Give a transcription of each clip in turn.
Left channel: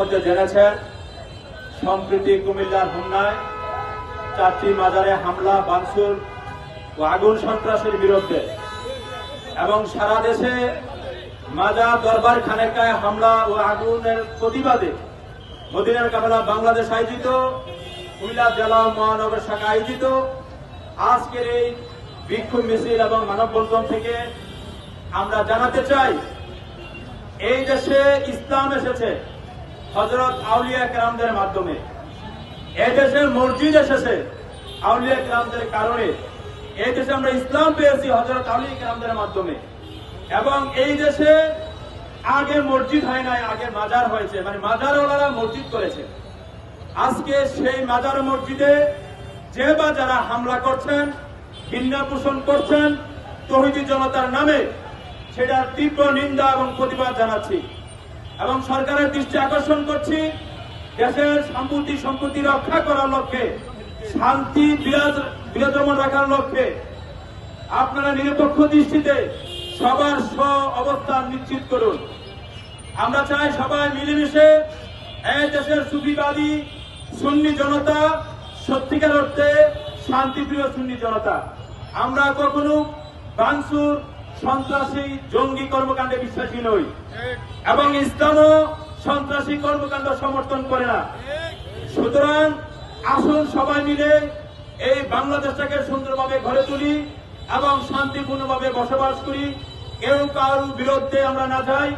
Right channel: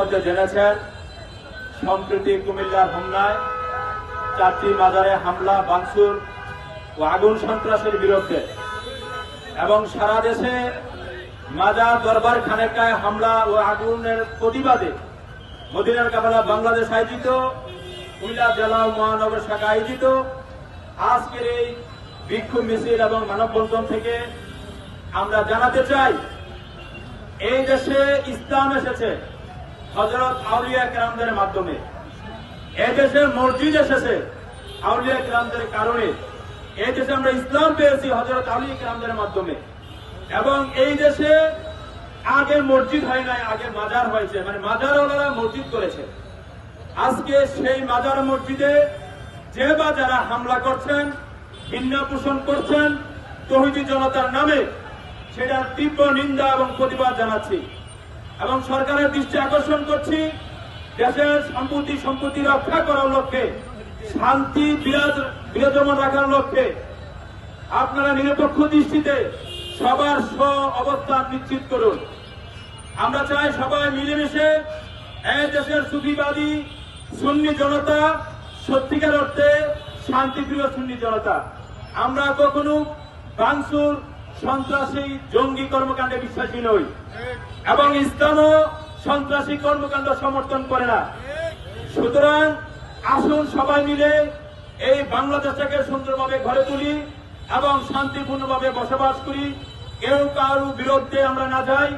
ইতিমধ্যে জেনেছেন সম্প্রতি কুমিল্লার হোমনায় 4টি মাজারে হামলা, ভাঙচুর ও আগুন সন্ত্রাসের বিরুদ্ধে এবং সারা দেশে মাজার, দরবার, খানেকায় হামলা ও আগুনের প্রতিবাদে মদিনার কাফেলা বাংলাদেশ আয়োজিত, কুমিল্লা জেলা ও মহানগর শাখা আয়োজিত আজকের এই বিক্ষোভ মিছিল এবং মানববন্ধন থেকে আমরা জানাতে চাই, এই দেশে ইসলাম এসেছে হযরত আউলিয়া কেরামদের মাধ্যমে। এই দেশে মসজিদ এসেছে আউলিয়া কেরামদের কারণে। এই দেশে আমরা ইসলাম পেয়েছি হযরত আউলিয়া কেরামদের মাধ্যমে। এবং এই দেশে আগে মসজিদ হয় নাই, আগে মাজার হয়েছে, মানে মাজারওয়ালারা মসজিদ করেছে। আজকে সেই মাজার মসজিদে যে বা যারা হামলা করছেন, ঘৃণা পোষণ করছেন তৌহিদি জনতার নামে, সেটার তীব্র নিন্দা এবং প্রতিবাদ জানাচ্ছি এবং সরকারের দৃষ্টি আকর্ষণ করছি, দেশের সম্পত্তি রক্ষা করার লক্ষ্যে, শান্তি বিরাজমান রাখার লক্ষ্যে আপনারা নিরপেক্ষ দৃষ্টিতে সবার অবস্থান নিশ্চিত করুন। আমরা চাই সবাই মিলেমিশে এই দেশের সুফিবাদী সুন্নি জনতা, সত্যিকার অর্থে শান্তিপ্রিয় সুন্নি জনতা, আমরা কখনো ভাঙচুর, সন্ত্রাসী, জঙ্গি কর্মকাণ্ডে বিশ্বাসী নই এবং ইসলামও সন্ত্রাসী কর্মকাণ্ড সমর্থন করে না। সুতরাং আসুন সবাই মিলে এই বাংলাদেশটাকে সুন্দরভাবে গড়ে তুলি এবং শান্তিপূর্ণভাবে বসবাস করি। কেউ কারো বিরুদ্ধে আমরা না যাই।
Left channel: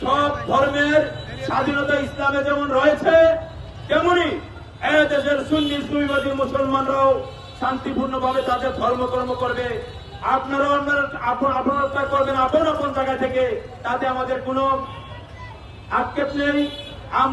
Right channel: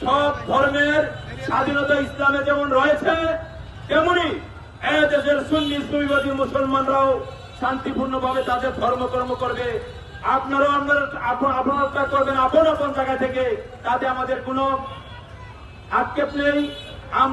সব ধর্মের স্বাধীনতা ইসলামে যেমন রয়েছে, তেমনি এই দেশের সুন্নি সুফিবাদী মুসলমানরাও শান্তিপূর্ণভাবে তাদের ধর্মকর্ম করবে। আপনারা করবেন আপন আপন জায়গা থেকে, তাতে আমাদের কোনো আক্ষেপ নেই। আমরা